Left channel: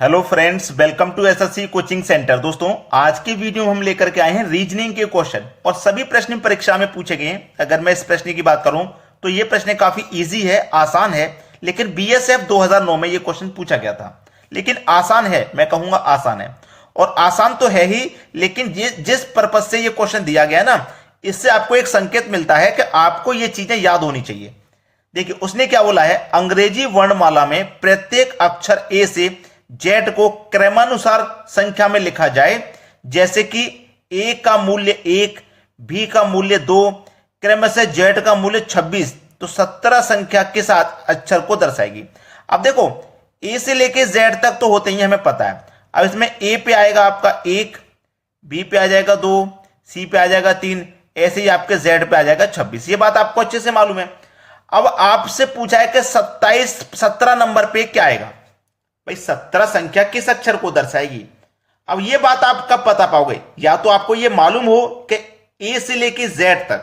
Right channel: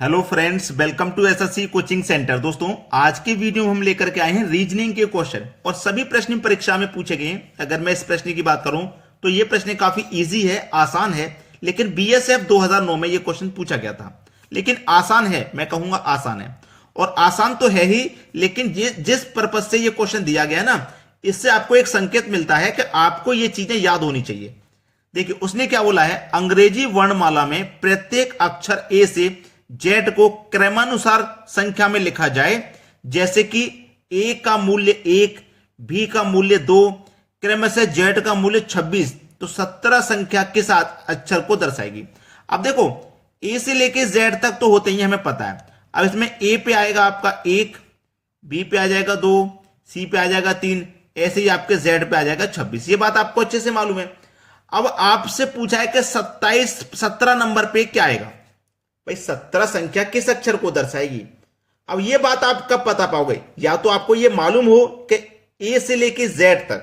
Hello friends, welcome to SSC coaching centre. दोस्तों, आज की वीडियो में हम लेकर के आए हैं रीजनिंग के क्वेश्चन और सभी प्रश्न परीक्षा में पूछे गए हैं। अगर मैं इस प्रश्न की बात करूं तो ये प्रश्न काफी इजी है, आसान है, लेकिन बीएसएफ 2009 में ये क्वेश्चन पूछा गया था। लेकिन आसान है, मैं कहूंगा आसान है, और आसान तो है ही, लेकिन जिस पर्पज से ये क्वेश्चन दिया गया ना, इससे आपको एक संकेत मिलता है कि आपको ये चीजें याद होनी चाहिए। देखिए, उसने क्या बोला है, अंग्रेजी वर्णमाला में प्रत्येक अक्षर ए से जेड को क्रमानुसार संख्या में लिखा जाए, जैसे कि ए का मूल्य 1, बी का मूल्य 2, क्रमशः जेड का मूल्य 26, तो 17 संख्या के साथ अक्षर को दर्शाएगी। अब देखो, ए से लेके जेड तक तो होते ही हमें पता है। अब इसमें ए पे आएगा आपका 1, बी पे आ जाएगा 2, सी पे आ जाएगा 3, ऐसे ही आपके जेड पे आ जाएगा 26। ये बात आपको अच्छे से मालूम है। अब आपसे पूछा है कि 17 नंबर पे क्या आएगा। भाई, 17 संख्या किस अक्षर को दर्शाएगी। अब ये बात आप कब बता पाओगे, या तो आपको ये मालूम हो कि ए से लेके जेड तक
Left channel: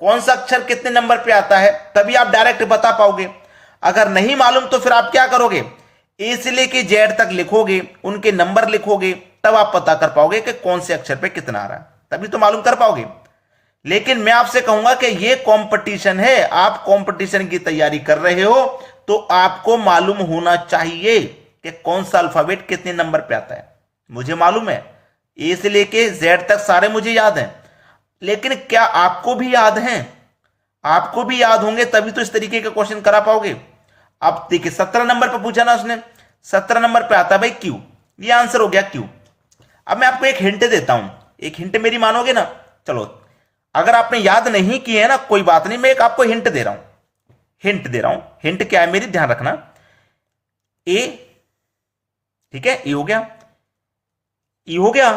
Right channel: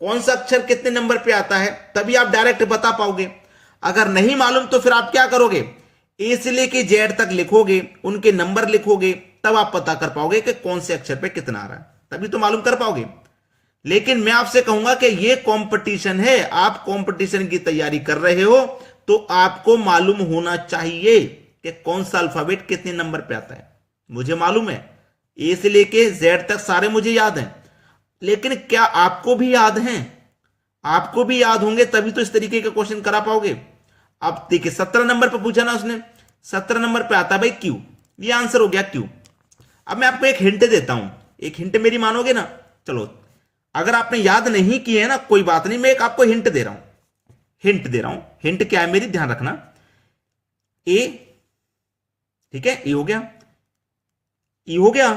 कौन सा अक्षर कितने नंबर पे आता है, तभी आप डायरेक्ट बता पाओगे। अगर नहीं मालूम तो फिर आप क्या करोगे, ए से लेके जेड तक लिखोगे, उनके नंबर लिखोगे, तब आप पता कर पाओगे कि कौन से अक्षर पे कितना आ रहा है, तभी तो मालूम कर पाओगे। लेकिन मैं आपसे कहूंगा कि ये कंपटीशन है, आप कंपटीशन की तैयारी कर रहे हो तो आपको मालूम होना चाहिए कि कौन सा अल्फाबेट कितने नंबर पे आता है। मुझे मालूम है, ए से लेके जेड तक सारे मुझे याद हैं, लेकिन क्या आपको भी याद हैं? आपको भी याद होंगे तभी तो इस तरीके के क्वेश्चन करा पाओगे। अब देखिए, 17 नंबर पे पूछा ना उसने, 17 नंबर पे आता है भाई क्यू। ये आंसर हो गया क्यू। अब मैं आपको एक हिंट देता हूं, एक हिंट मेरी मानोगे ना? चलो, अगर आपने याद नहीं किए है ना, कोई बात नहीं, मैं एक आपको हिंट दे रहा हूं। हिंट क्या है मेरी, ध्यान रखना। ए, ठीक है, ए हो गया, ई हो गया,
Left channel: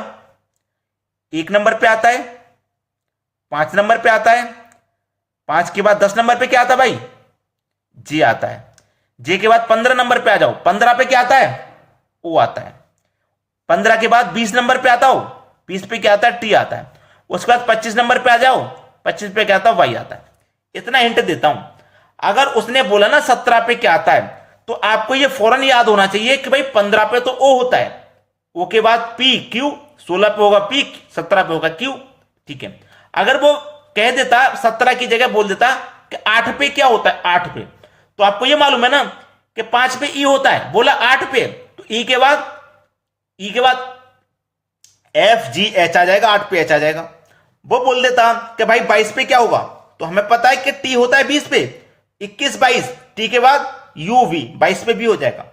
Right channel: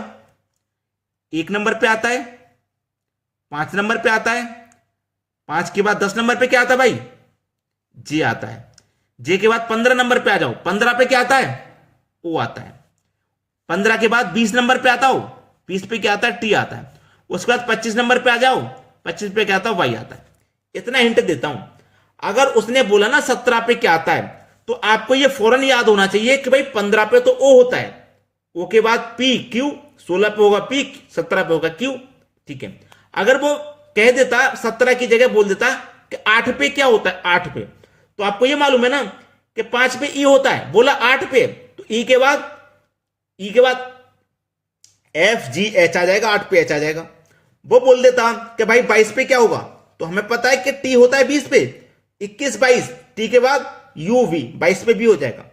1 नंबर पे आता है, 5 नंबर पे आता है, 5 के बाद 10 नंबर पे क्या आता है भाई, जे आता है। जे के बाद 15 नंबर पे आ जाओ, 15 पे क्या आता है, ओ आता है। 15 के बाद 20 नंबर पे आता हो, 20 पे क्या आता है, टी आता है। उसके बाद 25 नंबर पे आ जाओ, 25 पे क्या आता है, वाई आता है। इतना हिंट देता हूं। अगर उसने बोला ना 17 पे क्या आता है, तो आपको ये फौरन याद होना चाहिए कि भाई 15 पे तो ओ होता है, ओ के बाद पी क्यू, 16 पे होगा पी, 17 पे होगा क्यू। ठीक है, अगर वो कह देता 17 की जगह बोल देता कि 8 पे क्या होता है, 8 पे, तो आपको ये मालूम है ना कि 5 पे ई होता है, बोला 8 पे, तो ई के बाद एफ जी एच आ जाएगा, 8 पे एच आ जाएगा। वो बोल देता कि भाई 22 पे क्या होगा, तो हमें पता है कि टी होता है 20 पे, 21 22, टी के बाद यू वी, 22 पे भी हो जाएगा।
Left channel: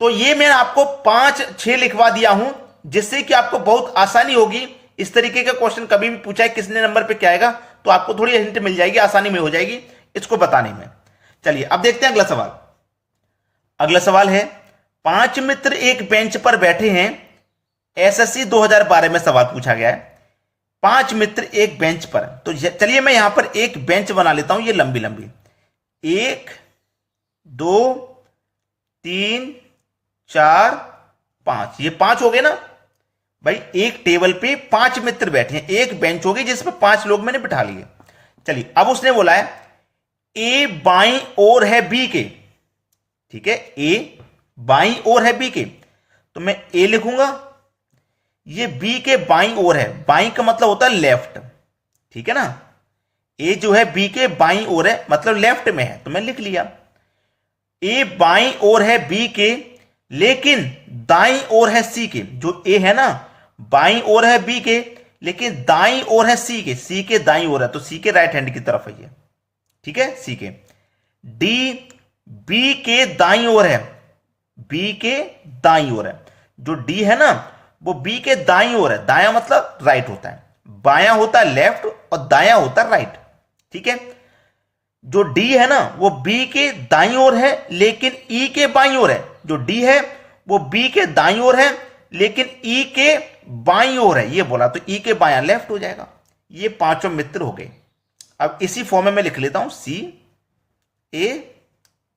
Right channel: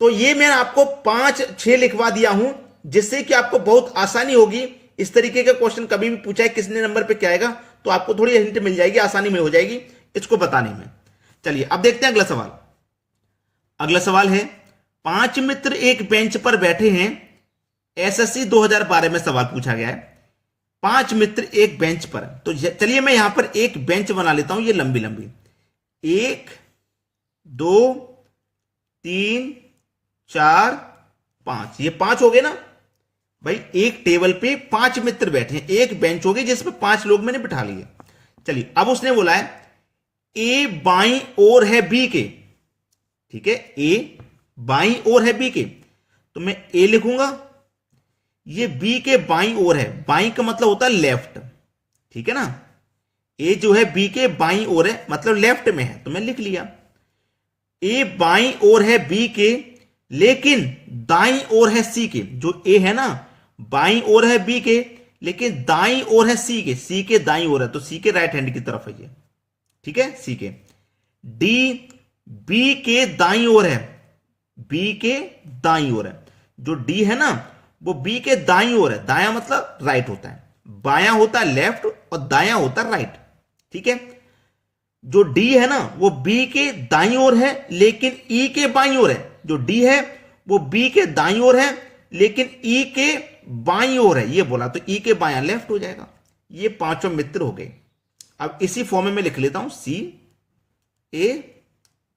तो ये मैं आपको 5 6 लिखवा दिया हूं, जिससे कि आपको बहुत आसानी होगी। इस तरीके का क्वेश्चन कभी भी पूछा है किसने नंबर पे क्या आएगा, तो आपको थोड़ी हिंट मिल जाएगी, आसानी में हो जाएगी इसको बताने में। चलिए, अब देखते हैं अगला सवाल। अगला सवाल है, 5 मित्र एक बेंच पर बैठे हैं। एसएससी 2012 में सवाल पूछा गया है, 5 मित्र एक बेंच पर। तो चलिए मैं यहां पर एक बेंच बना लेता हूं, ये लंबी लंबी, 1 2 3 4 5, ये 5 हो गए ना भाई। एक टेबल पे 5 मित्र बैठे हैं, एक बेंच होगी जिसपे 5 लोग मैंने बिठा लिए। चलिए, अब उसने बोला है ए बाईं ओर है बी के। ठीक है, ए बाईं ओर है बी के, तो मैं ए लिखूंगा। ये बी के बाईं ओर है, बाईं का मतलब होता है लेफ्ट, ठीक है ना। ए जो है बी के बाईं ओर है, मतलब लेफ्ट में है, तो मैं लिख लिया। ए बाईं ओर है बी के, लेकिन दाईं ओर है सी के। जो ए है ना, बाईं ओर है बी के, लेकिन दाईं ओर है सी के, सी के दाईं ओर है, तो सी के राइट हैंड की तरफ है ये, ठीक है, सी के। डी बी के दाईं ओर है, बी के दाईं ओर है। जो डी है ना, वो बी के दाईं ओर है, दायां मतलब राइट होता है, बायां होता है लेफ्ट और दायां होता है राइट, ठीक है। जो डी है ना, वो बी के दाईं ओर है, लेकिन ई के बाईं ओर है। जो डी है वो बी के दाईं ओर है, लेकिन ई के बाईं ओर है, ये बोला, तो ई के बायां लेफ्ट हो जाएगा। ये 5 मित्र हो गए। अब इसी फॉर्म में मैं लिख लेता हूं, सी ए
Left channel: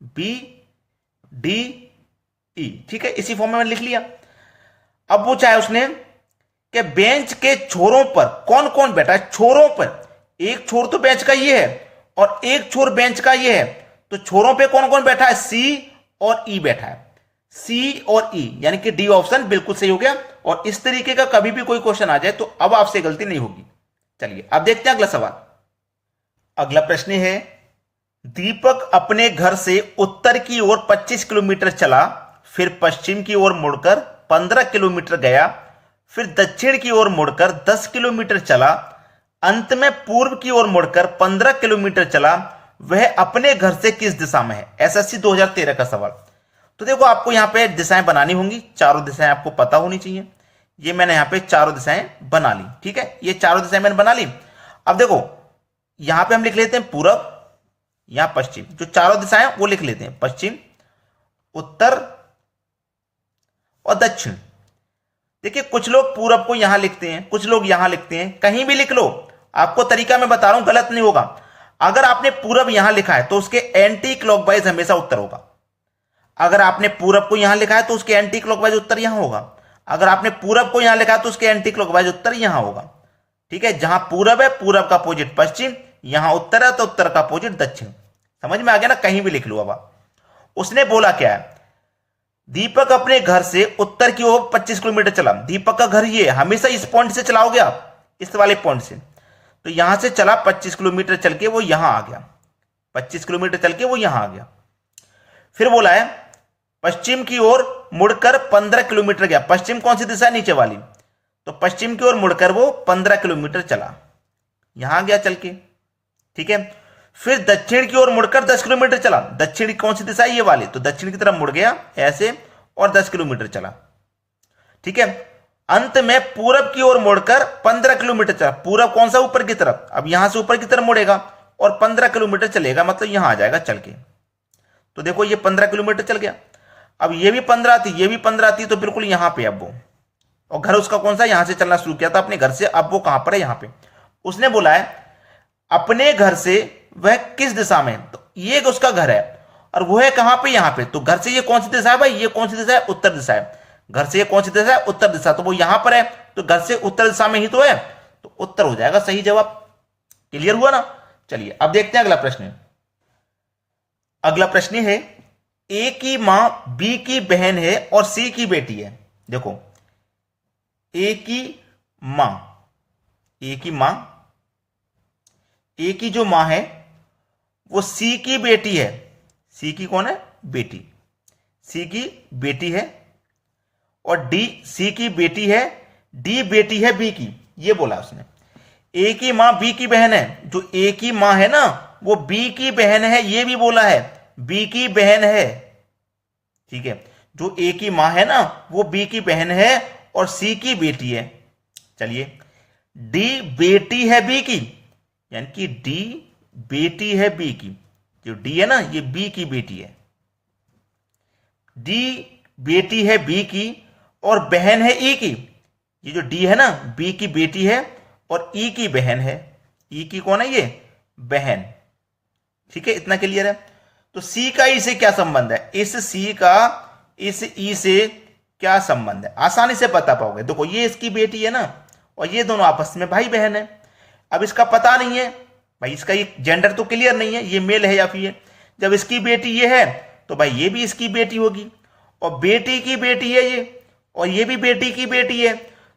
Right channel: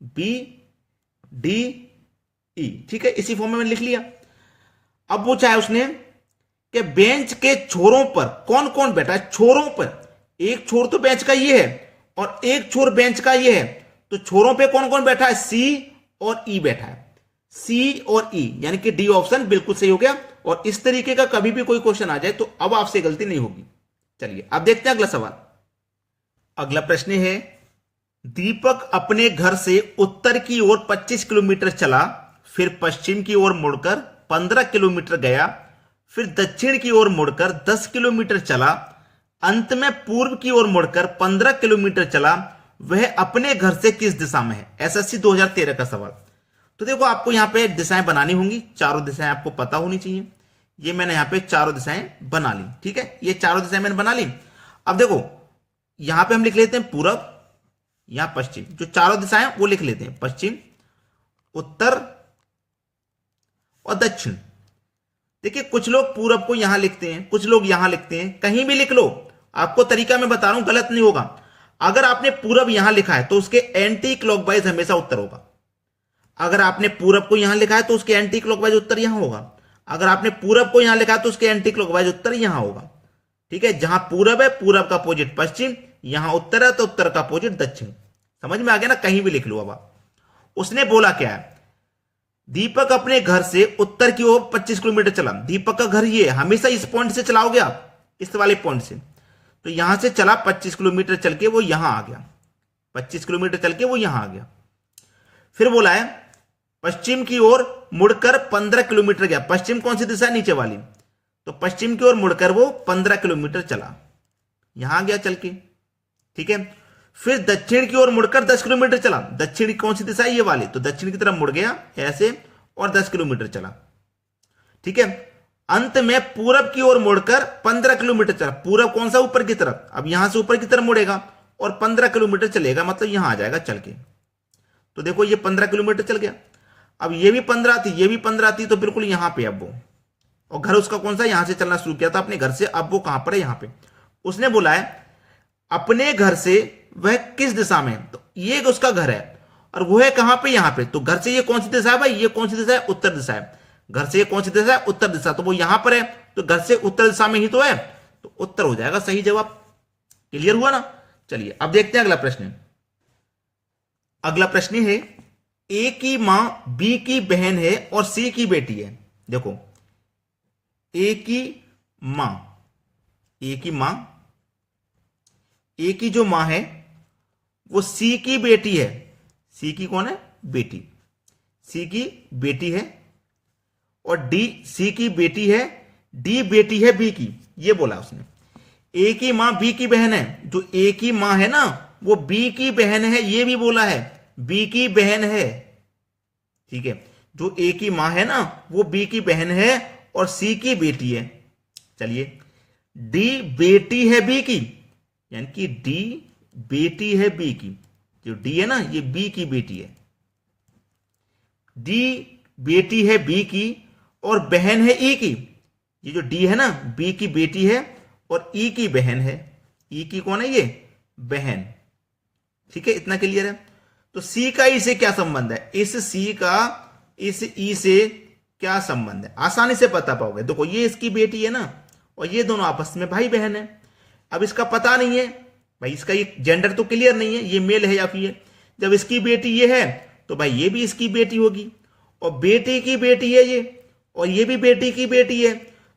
बी डी ई, ठीक है, इसी फॉर्म में मैंने लिख लिया। अब पूछा है उसने कि बेंच के छोरों पर कौन कौन बैठा है। छोरों पर, एक छोर तो बेंच का ये है और एक छोर बेंच का ये है, तो छोरों पे कौन कौन बैठा है, सी और ई बैठा है। सी और ई, यानी कि डी ऑप्शन बिल्कुल सही हो गया। और इस तरीके का कभी भी कोई क्वेश्चन आ जाए तो अब आपसे गलती नहीं होगी। चलिए अब देखते हैं अगला सवाल। अगला प्रश्न है, दीपक अपने घर से उत्तर की ओर 25 किलोमीटर चला, फिर पश्चिम की ओर मुड़कर 15 किलोमीटर गया, फिर दक्षिण की ओर मुड़कर 10 किलोमीटर चला, अंत में पूर्व की ओर मुड़कर 15 किलोमीटर चला। वह अपने घर से किस दिशा में है? एसएससी 2013 का सवाल। तो देखो आपको यहां पे दिशाएं बनानी होंगी, चारों दिशाएं आपको पता होनी चाहिए। ये मैंने यहां पे चारों दिशाएं बना ली, ठीक है, ये चारों दिशाएं मैंने बना ली। अब देखो यहां पे हम लिख लेते हैं पूरब, यहां पश्चिम, जो चारों दिशाएं वो लिख लेते हैं, पश्चिम, उत्तर और दक्षिण। देखिए कुछ लोग पूरब को यहां लिखते हैं, कुछ लोग यहां लिखते हैं, कहीं भी लिख लो, आपको तरीका मैं बता रहा हूं, गलत नहीं होगा। अगर आपने पूरब यहां लिखा है तो उसके एंटी क्लॉकवाइज हमेशा उत्तर होगा। अगर आपने पूरब को यहां लिखा है तो उसके एंटी क्लॉकवाइज उत्तर यहां होगा। अगर आपने पूरब को यहां लिखा है तो उसके एंटी क्लॉकवाइज उत्तर यहां होगा, ठीक है। जहां पूरब है, पूरब का अपोजिट पश्चिम, यहां उत्तर है तो उत्तर का अपोजिट दक्षिण। समझ में आ गया ना? कहीं भी लिख लो। अब उसने बोला क्या है, दीपक अपने घर से उत्तर की ओर 25 किलोमीटर चला। दीपक का घर ये, हमेशा इस पॉइंट से चलाओगे आप, इस वाले पॉइंट से। तो यहां से चला 25 किलोमीटर चल के वो यहां आ गया, 25 किलोमीटर चल के वो यहां आ गया। फिर बोला है पश्चिम की ओर मुड़कर 15 किलोमीटर गया। पश्चिम कौन सी दिशा है? नीचे वाली। तो पश्चिम की ओर मुड़कर वो 15 किलोमीटर चला, यहां गया चल के, ठीक है। फिर दक्षिण की ओर मुड़कर 10 किलोमीटर चला। दक्षिण कौन सी दिशा है? ये वाली। तो दक्षिण की तरफ मुड़ गया ऐसे और 10 किलोमीटर चला, ठीक है। अंत में पूरब की ओर मुड़कर 15 किलोमीटर चला। पूरब कौन सा? ऊपर की तरफ। अब यहां से ऊपर की तरफ मुड़ेगा और 15 किलोमीटर चलेगा, मतलब यहां आ जाएगा चल के। तो देखो ये 15 किलोमीटर चल गया। अब ये भी 15 थी, ये भी 15 थी, तो बिल्कुल यहां पे अब वो, और घर उसका कौन सा? यहां से चलना शुरू किया था अपने घर से। अब वो कहां पर है? यहां पे। उसने बोला है अपने घर से वह किस दिशा में है? तो ये उसका घर है और वो है कहां पे? यहां पे। तो घर से ये कौन सी दिशा है भाई? ये कौन सी दिशा है? उत्तर दिशा है। घर से ये कौन सी दिशा है? उत्तर दिशा। तो वो यहां पर है, तो घर से उत्तर दिशा में ही तो है, तो उत्तर हो जाएगा सही जवाब। क्लियर हुआ ना? चलिए अब देखते हैं अगला प्रश्न। अगला प्रश्न है, ए की मां बी की बहन है और सी की बेटी है। देखो ए की मां, ए की मां, ए की जो मां है वो सी की बेटी है। सी की कौन है? बेटी। सी की बेटी है। और डी सी की बेटी है, डी बेटी है बी की, ये बोला उसने। ए की मां बी की बहन है। जो ए की मां है ना वो बी की बहन है, ये भी बोला है, बी की बहन है, ठीक है। जो ए की मां है ना वो बी की बहन है और सी की बेटी है। चलिए डी बेटी है बी की, यानी कि डी बेटी है बी की। जो डी है ना ये बी की बेटी है। डी बेटी है बी की और बहन है ई की। ये जो डी है ना बी की बेटी है और ई की बहन है। ई की कौन है? ये बहन, ठीक है। इतना क्लियर है। तो सी का ई से क्या संबंध है? इस सी का इस ई से क्या संबंध है? आसानी से पता पाओगे। देखो ये इसकी बेटी है ना और ये दोनों आपस में भाई बहन है। अब इसका पता नहीं है भाई, इसका ये जेंडर तो क्लियर नहीं है, ये मेल है या फीमेल। जब इसकी बेटी ये है तो भाई ये भी इसकी बेटी होगी, और बेटी की बेटी है ये, और ये भी बेटी की बेटी है।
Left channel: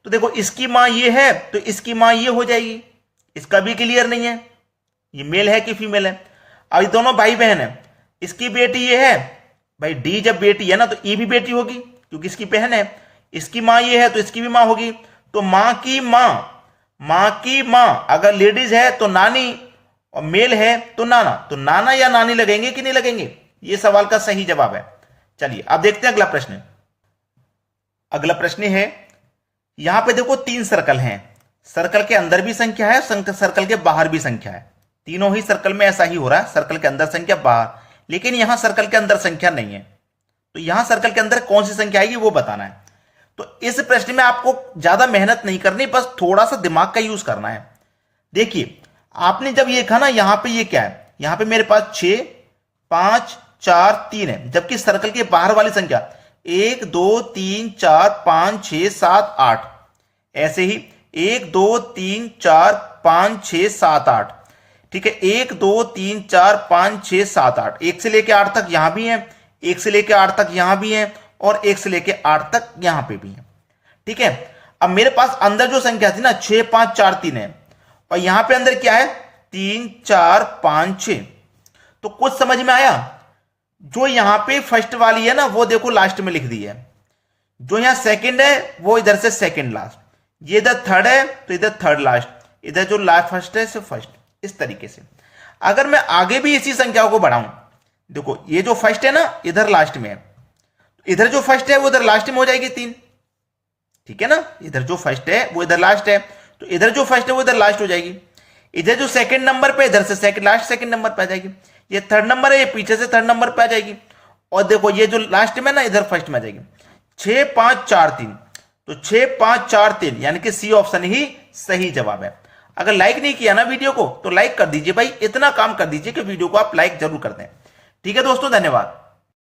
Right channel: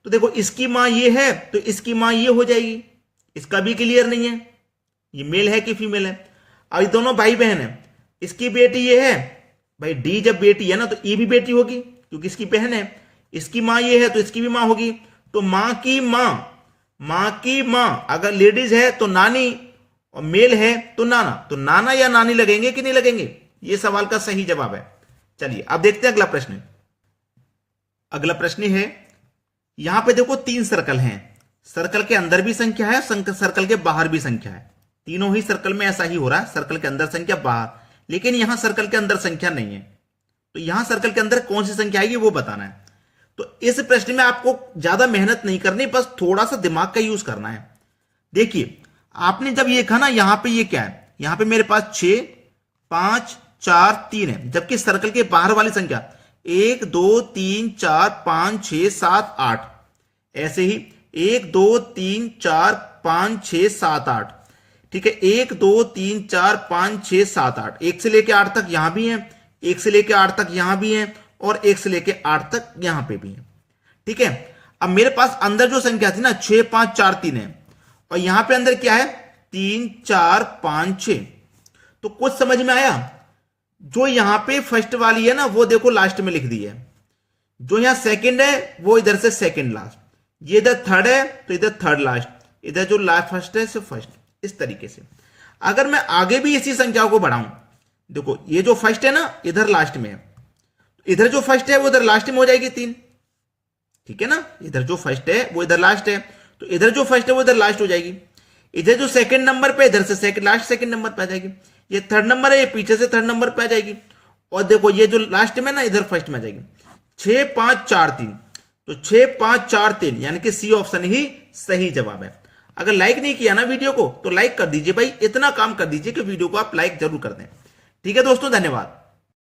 तो देखो इसकी मां ये है तो इसकी मां ये हो जाएगी। इसका भी क्लियर नहीं है ये मेल है कि फीमेल है। अब ये दोनों भाई बहन है। इसकी बेटी ये है भाई, डी जब बेटी है ना तो ई भी बेटी होगी क्योंकि इसकी बहन है। इसकी मां ये है तो इसकी भी मां होगी। तो मां की मां, मां की मां अगर लेडीज है तो नानी, और मेल है तो नाना। तो नाना या नानी लगेंगे कि नहीं लगेंगे? ये सवाल का सही जवाब है। चलिए अब देखते हैं अगला प्रश्न। अगला प्रश्न है, यहां पे देखो 3 सर्कल हैं। सर्कल के अंदर भी संख्या है, सर्कल के बाहर भी संख्या है। तीनों ही सर्कल में ऐसा ही हो रहा है, सर्कल के अंदर संख्या, बाहर। लेकिन यहां सर्कल के अंदर संख्या नहीं है। तो यहां सर्कल के अंदर कौन सी संख्या आएगी वो बताना है। तो इस प्रश्न में आपको ज्यादा मेहनत नहीं करनी, बस थोड़ा सा दिमाग का यूज करना है। देखिए आपने जब ये लिखा ना, यहां पे ये क्या है? यहां पे मेरे पास 6, 5, 4, 3 है, जबकि सर्कल के बाहर वाली संख्या 1, 2, 3, 4, 5, 6, 7, 8। ऐसे ही 1, 2, 3, 4, 5, 6, 7, 8, ठीक है। 1, 2, 3, 4, 5, 6, 7, 8, 1 से लेकर 8 तक यहां भी है, 1 से लेकर 8 तक यहां भी है, और 1 से लेके 8 तक यहां पे भी है। ठीक है, अब मेरे पास अंदर जो संख्या थी ना 6 5 4 3 है, और यहां पे अंदर क्या है 3 4 5 6। तो कुछ समझ में आया? जो यहां पे फर्स्ट वाली है ना वो देखो लास्ट में लिख दी है, जो यहां सेकंड है वो इधर से सेकंड लास्ट, ये इधर थर्ड है तो इधर थर्ड लास्ट, इधर जो लास्ट फर्स्ट है सिर्फ फर्स्ट। इस तरीके से अगर मैं आगे भी इसी संख्याओं को बढ़ाऊं, देखो ये जो फर्स्ट है ना इधर लास्ट में है, इधर जो फर्स्ट है वो इधर लास्ट में हो जाएगी 3। ठीक है ना, इधर जो फर्स्ट है वो इधर लास्ट है, तो इधर जो फर्स्ट है वो इधर लास्ट हो जाएगी। इधर जो सेकंड नंबर पे इधर से सेकंड लास्ट सेकंड नंबर पे आ जाएगी। ये थर्ड नंबर है, ये पीछे से थर्ड नंबर पे आ जाएगी। और देखो ये जो लास्ट में ना इधर फर्स्ट में आ जाएगी। 6 5 4 3, तो 6 5 4 3 यानी कि सी ऑप्शन ही सही जवाब है। अगर लाइक नहीं किया ना वीडियो को तो लाइक कर दीजिए भाई, इतना काम कर दीजिए कि वीडियो को आप लाइक जरूर कर दें। ठीक है दोस्तों, धन्यवाद।